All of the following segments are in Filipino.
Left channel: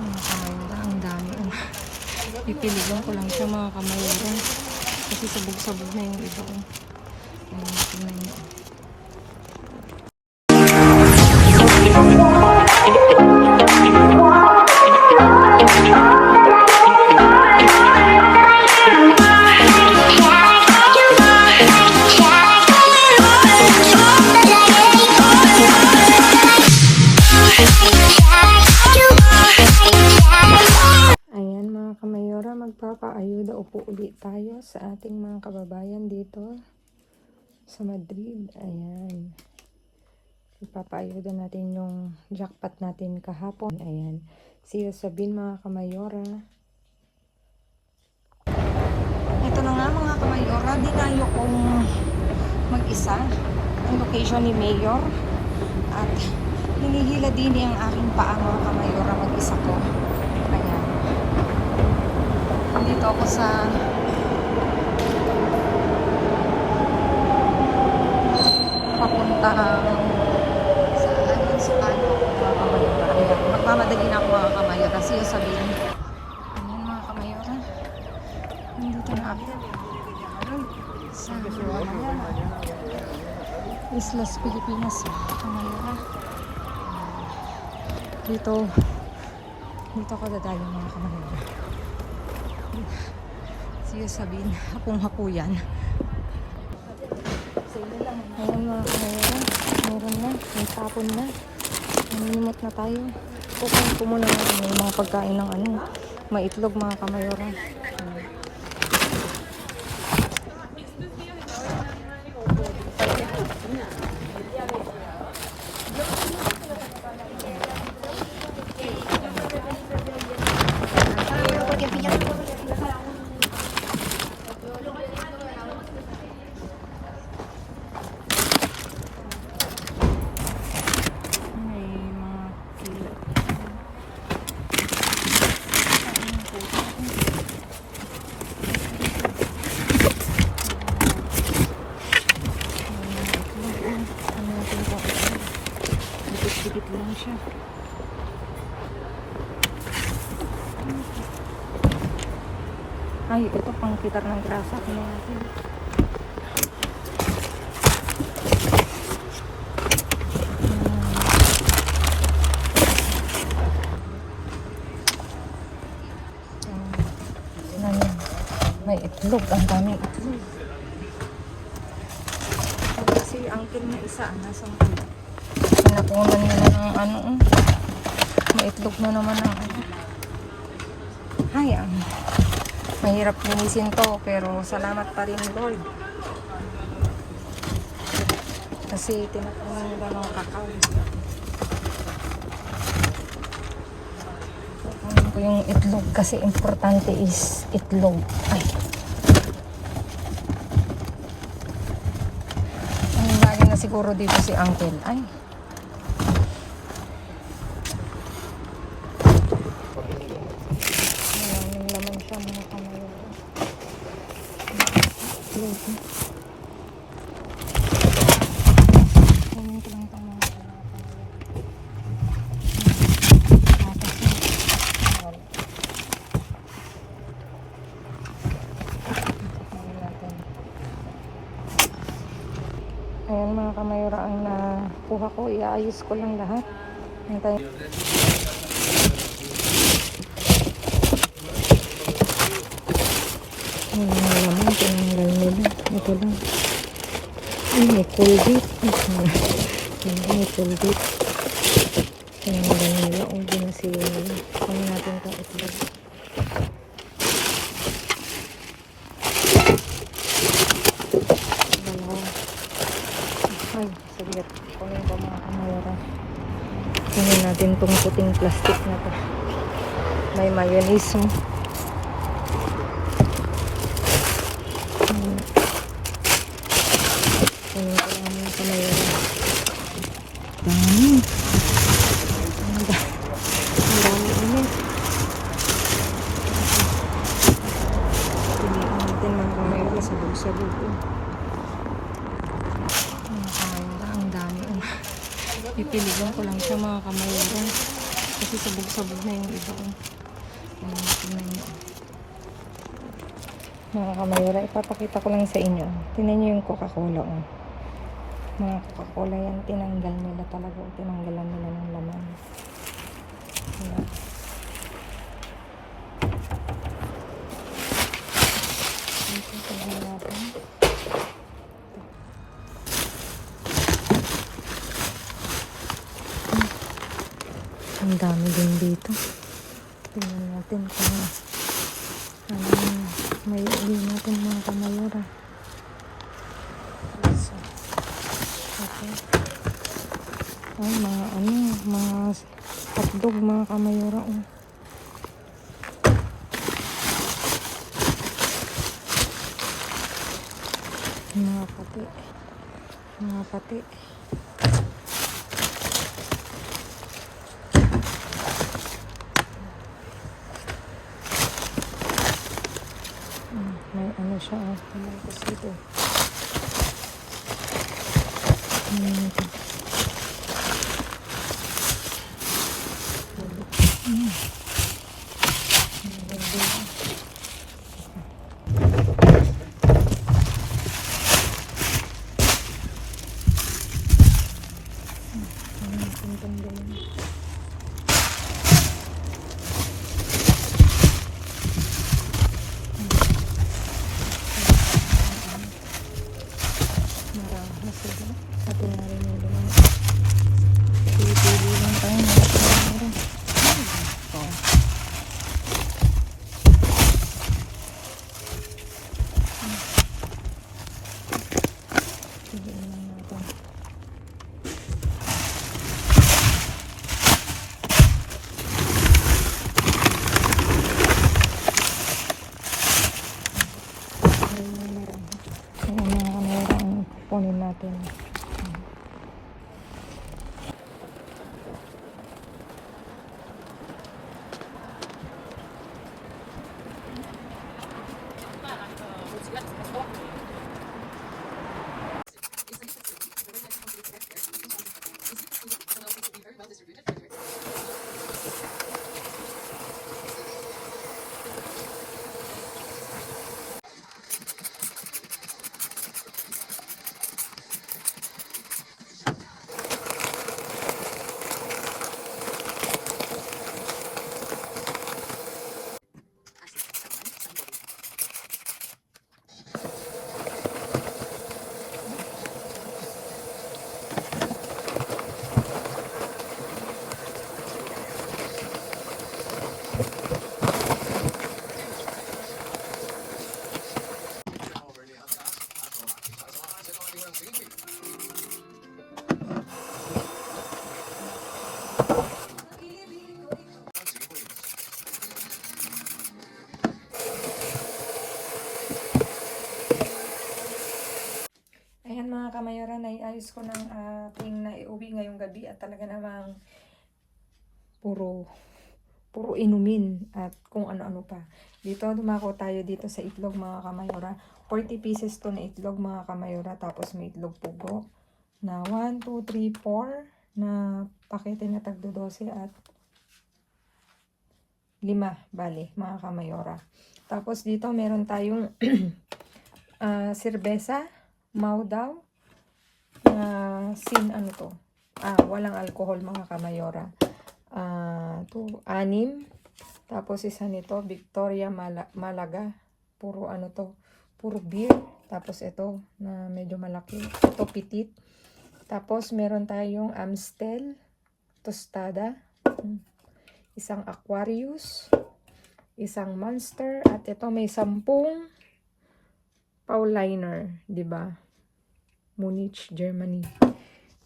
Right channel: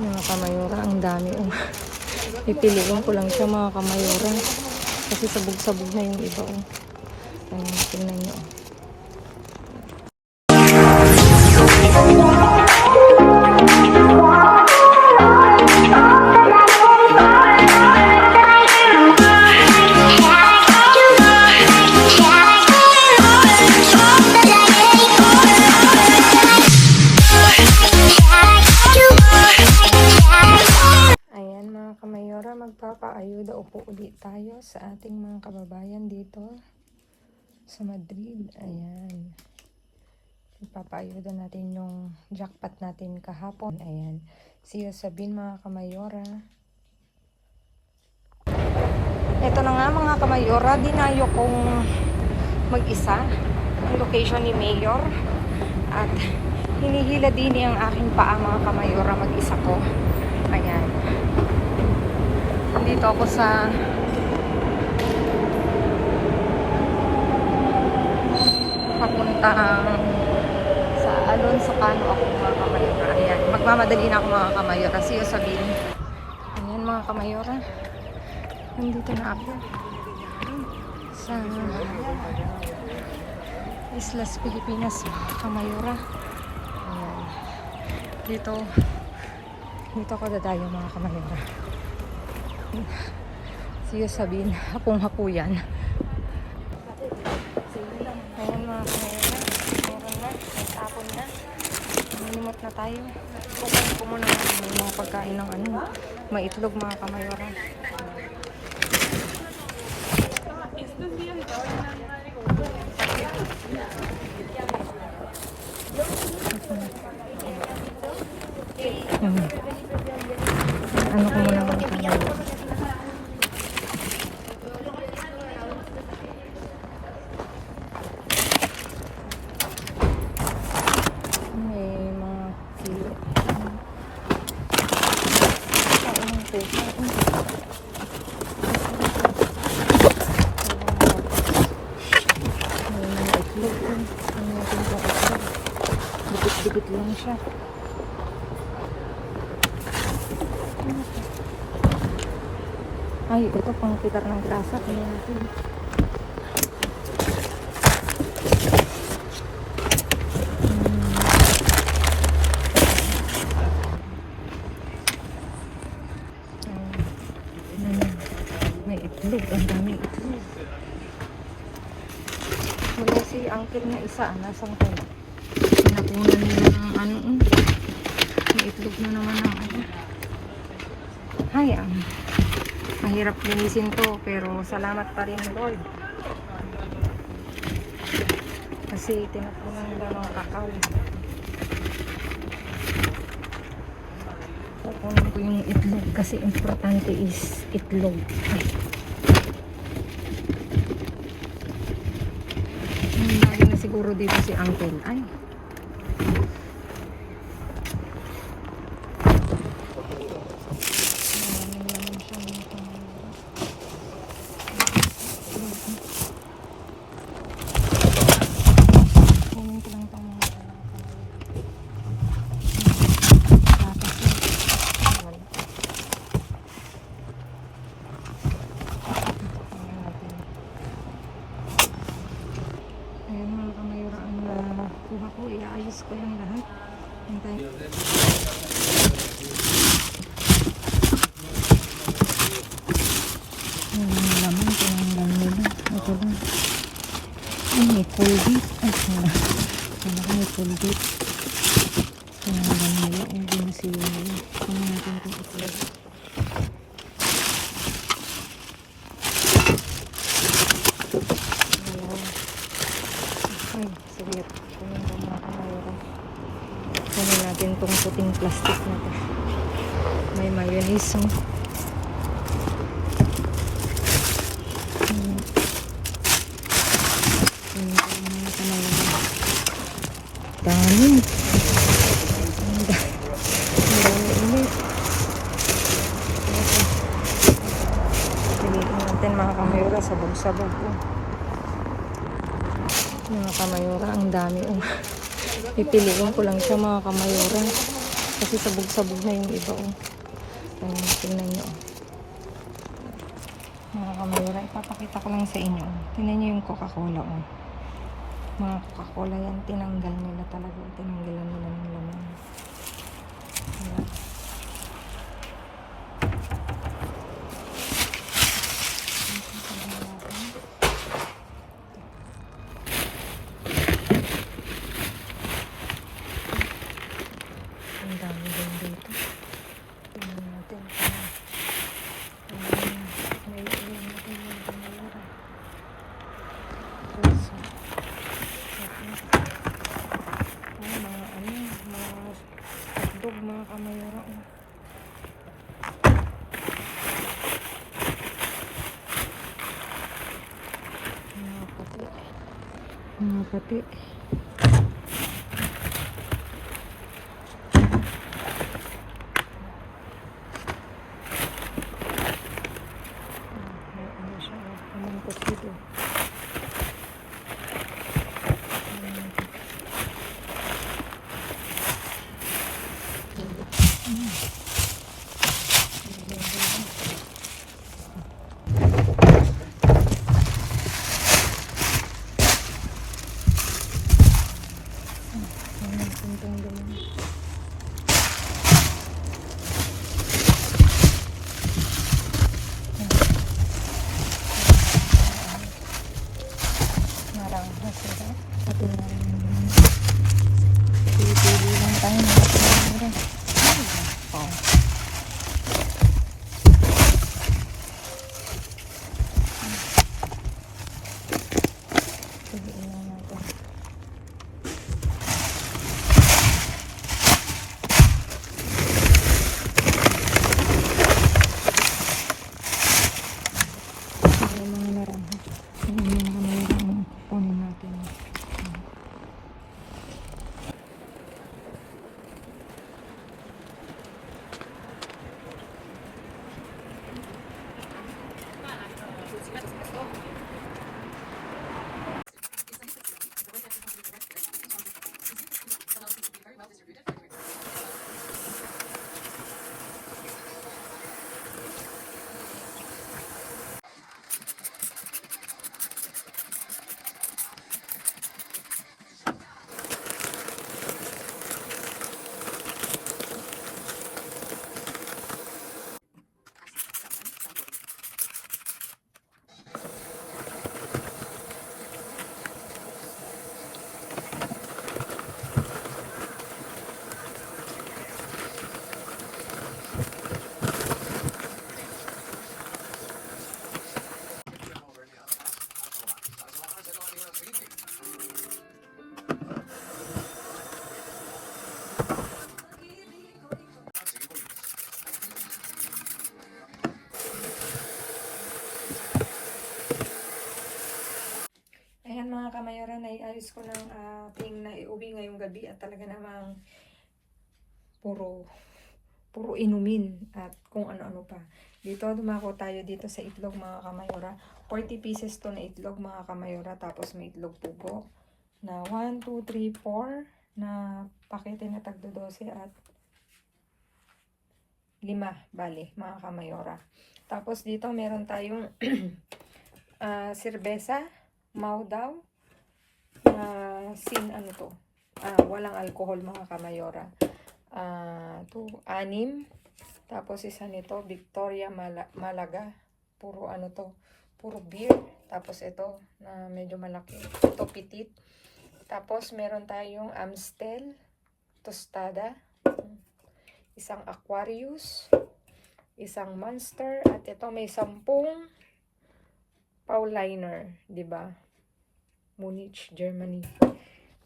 Mga kamayura, ang dami. Pipiliin ko lang siya mga kamayura. Kasi sabog-sabog na yung iba. Ayun, tingnan nyo. Magpapaayuda upo ulit tayo sa ating mga kababayan dito sa Madrid. Ayan. Magpapaayuda natin yung jackpot natin kahapon. Ayan. See you soon mga kamayora. Ito na nga mga kamayora. Dinayo kong mag-isa ang location ni Mayor. At hinihila din ang aking paa mga kamayora. Mag-isa ko. Ayan. Dito ako sa papuntang sa Alonso Cano ako mga kamayora. Ayan, magmamadali na ako mga kamayora. See you sabihin. Ayan mga kamayora. Nandito na ako sa Islas Pilipinas mga kamayora. Ayan. Dito ako dadayo mga kamayora. Siya sabihin, hapong-hapo yan. Ayan mga kamayora, meron na, may tapon na. Naninimot na tayo. Kukunin ko muna yung mga pagkain ng maitlog mga kamayora. Dikit lang siya. Ay, ito pang putar ng grasa. Kaya natin. May itlog. Ang daming itlog. Wala si uncle na isa. Nasaan kaya? Nakunan nila ng maitlog na naman ng Ay, mahirap linisin to, pero salamat pa rin Lord. Kasi tinapunan nila ng kakao. Kukunin ko yung itlog kasi importante is itlog. Ay. Lagi na siguro dito si uncle. Ay. Ayan mga kamayora ang nakuha ko. Iaayos ko lang lahat. Hintay. Naman, tinanggal nila. Ito lang. Ay, may Colgate. May Colgate. Tinanggal nila. O, binasiyo nila. Kaya natin ka itlog. Ay, saglit. Kunin ko mga kamayora. Tingnan natin itong puting plastic na to. May mayonnaise. Kunin ko lang mga kamayora. Dami. Ang dami ulit. Piliin natin mga kamayora. Sabog-sabog. Mga kamayora, ang dami. Pipiliin ko lang siya mga kamayora. Kasi sabog-sabog na yung iba. Oh. Ayan, tingnan nyo. Mga kamayura, ipapakita ko lang sa inyo. Tingnan nyo yung Coca-Cola. Oh. Mga Coca-Cola yan, tinanggal nila talaga. Tinanggalan nila ng laman. Wala. Tingnan natin. Ang dami din dito. Tingnan natin kung may uwi natin mga kamayura. So, ito. Ay, mga hotdog mga kamayura. Oh. Mga pati. Mga pati. May ano siya, oh. Pamangkos dito. Marangha sila. Hindi na rin yung ganun. Pili-pili lang tayo mga kamayura. Oh. Pili lang natin. Kunin natin. Ayan mga kamayura, naiayos ko ng ating naiuwi ngayong gabi at talaga namang puro inumin at kung ano-ano pa. Dito, dumako tayo dito sa itlog mga kamayura. 40 pieces to na itlog mga kamayura. Tapos may itlog pugo na 1, 2, 3, 4 na pakete na tagdo 12 at 5 bali mga kamayura. Tapos dito meron tayong serbesa. Mau daw sin ano to walang alcohol mga kamayora. To 6. Tapos isa nito Victoria Malaga, puro ano to, puro beer. Tapos ito na medyo malaki, ito pitit. Tapos meron tayong Amstel tostada, isang Aquarius, isang Monster, at ito may 10 Paulaner, di ba? Munich, Germany.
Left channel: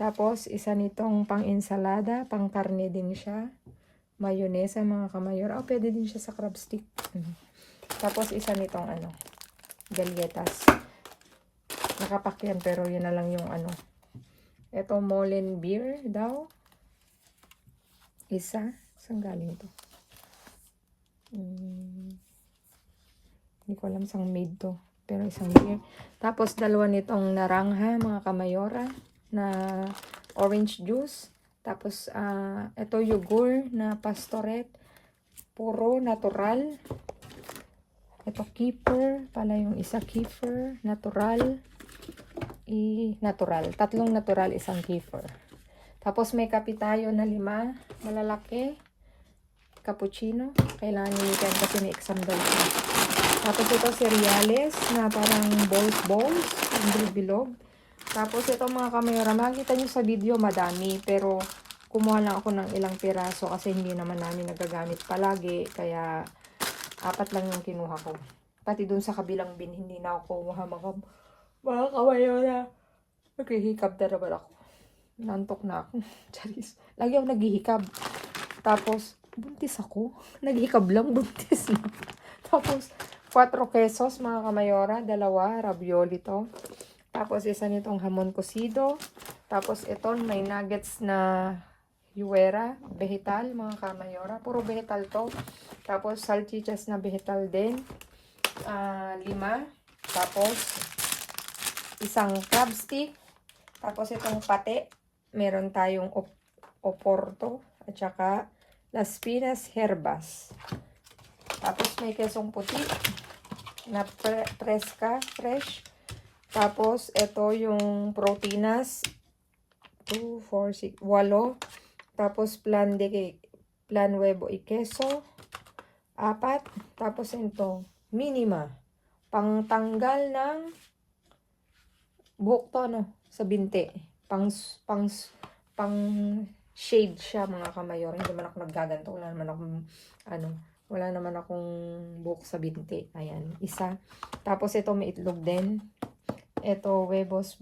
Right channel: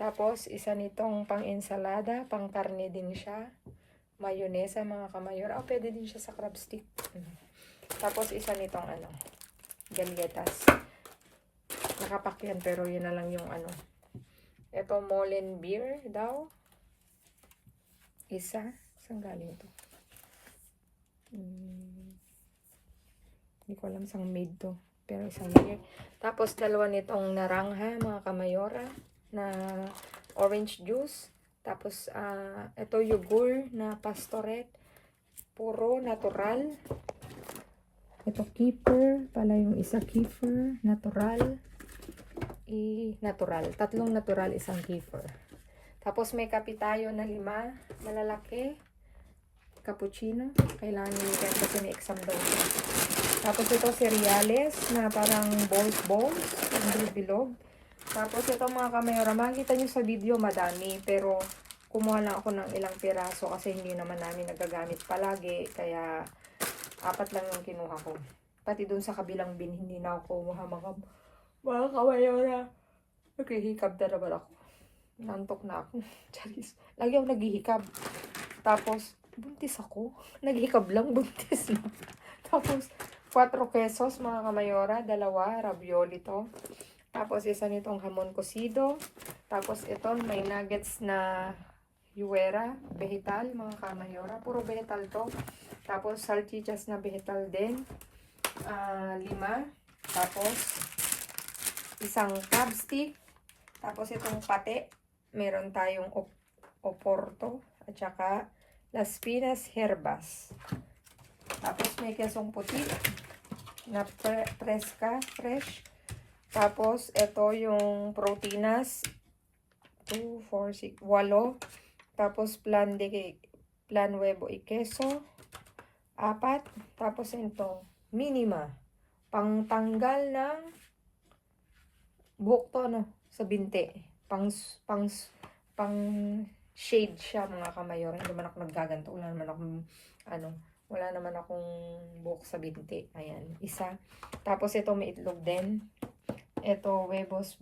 Tapos, isa nitong pang-ensalada, pang-karne din siya. Mayonesa, mga kamayor. Pwede din siya sa crab stick. Tapos, isa nitong galletas. Nakapak yan, pero yun na lang yung Ito, Molen beer daw. Isa. Saan galing to? Hindi ko alam saan made to. Pero isang beer. Tapos dalawa nitong narangha mga kamayora na orange juice. Tapos, ito yogur na pastorette. Puro natural. Ito kefir. Pala yung isa kefir. Natural. Natural. Tatlong natural, isang kefir. Tapos may kape tayo na 5. Malalaki. Cappuccino. Kailangan nyo yan kasi may exam daw. Tapos ito cereales na parang balls. Ang bilog. Tapos ito mga kamera, makikita nyo sa video madami, pero kumuha lang ako ng ilang piraso kasi hindi naman namin nagagamit palagi, kaya 4 lang yung kinuha ko. Pati dun sa kabilang bin, hindi na ako kumuha mga kamera. Naghihikab na naman ako. Nantok na ako. Charis. Lagi ako naghihikab. Tapos, buntis ako. Naghihikab lang, buntis na. Tapos, 4 pesos mga kamayora, 2 ravioli to. Tapos, isa nitong hamon cocido. Tapos, ito, may nuggets na yuwera, vegetal, mga kamayora. Puro vegetal to. Tapos, salchichas na vegetal din. 5. Tapos, isang crab stick. Tapos, itong pate. Meron tayong oporto. At saka, las pinas herbas. Tapos, may kesong puti na fresh. Tapos, ito yung proteínas. 2, 4, 6, 8. Tapos, plan huevo y queso. 4. Tapos, ito, minima. Pangtanggal ng buhok to, no? Sa binti. Pang shade siya, mga kamayor. Hindi naman ako naggaganto. Wala naman akong buhok sa binti. Ayan, isa. Tapos, ito may itlog din. Ito, huevos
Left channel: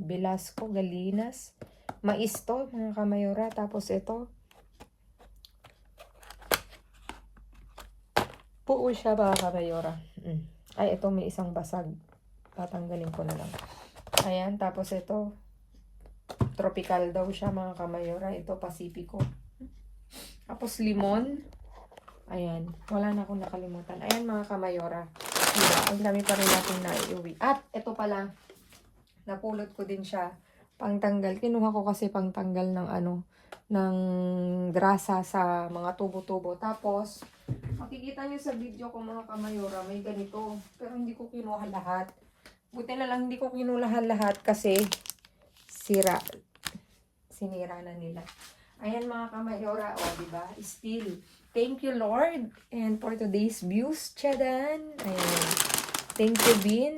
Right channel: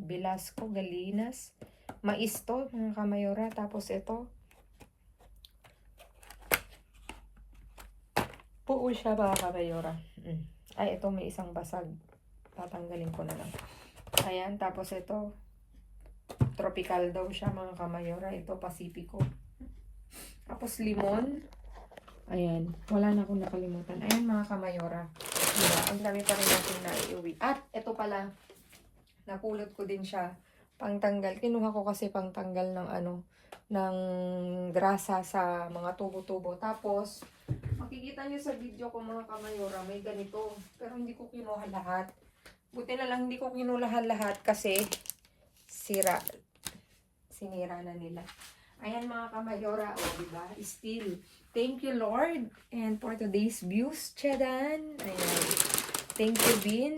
Velasco, Galinas. Mais to, mga kamayora. Tapos ito, puo siya, mga kamayora. Ay, ito may isang basag. Tatanggalin ko na lang. Ayan, tapos ito, tropical daw siya, mga kamayora. Ito, Pacifico. Tapos limon. Ayan, wala na akong nakalimutan. Ayan, mga kamayora. Ang dami pa rin natin na iuwi. At ito pala, napulot ko din siya pangtanggal. Kinuha ko kasi pangtanggal ng ng grasa sa mga tubo-tubo. Tapos, makikita nyo sa video ko, mga kamayora, may ganito. Pero hindi ko kinuha lahat. Buti na lang hindi ko kinuha lahat kasi sinira na nila. Ayan, mga kamayora, diba? Still, thank you, Lord. And for today's views, Chadan. Ayan. Thank you, Bin.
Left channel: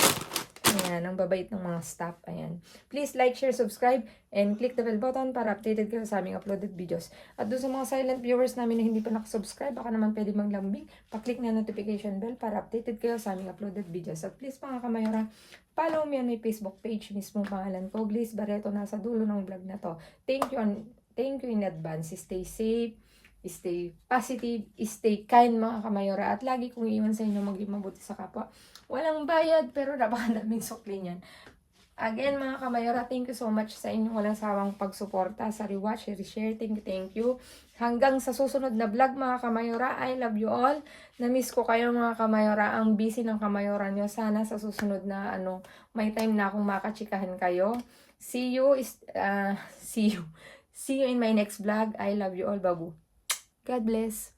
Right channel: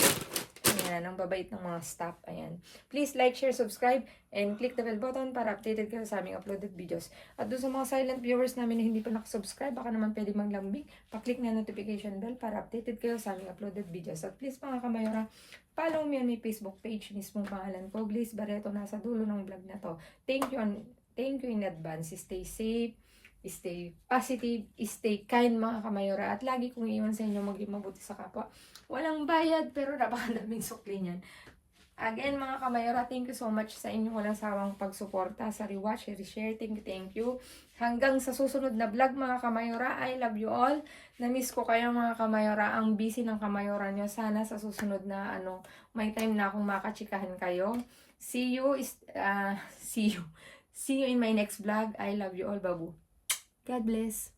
Ayan, ang babait ng mga staff. Ayan. Please like, share, subscribe, and click the bell button para updated kayo sa aming uploaded videos. At doon sa mga silent viewers namin na hindi pa nakasubscribe, baka naman pwede maglambing, paklik na notification bell para updated kayo sa aming uploaded videos. At please, mga kamayora, follow me on my Facebook page. Mismong pangalan ko, Bliss Barreto, nasa dulo ng vlog na to. Thank you in advance. Stay safe, stay positive, stay kind, mga kamayora. At lagi kong iwan sa inyo maging mabuti sa kapwa. Walang bayad, pero napakadaming sukli niyan. Again, mga kamayora, thank you so much sa inyong walang sawang pagsuporta sa rewatch, share, thank you. Hanggang sa susunod na vlog, mga kamayora, I love you all. Na-miss ko kayo, mga kamayora. Ang busy ng kamayora niyo. Sana sa susunod na may time na akong makachikahan kayo. See you in my next vlog. I love you all, babu. God bless.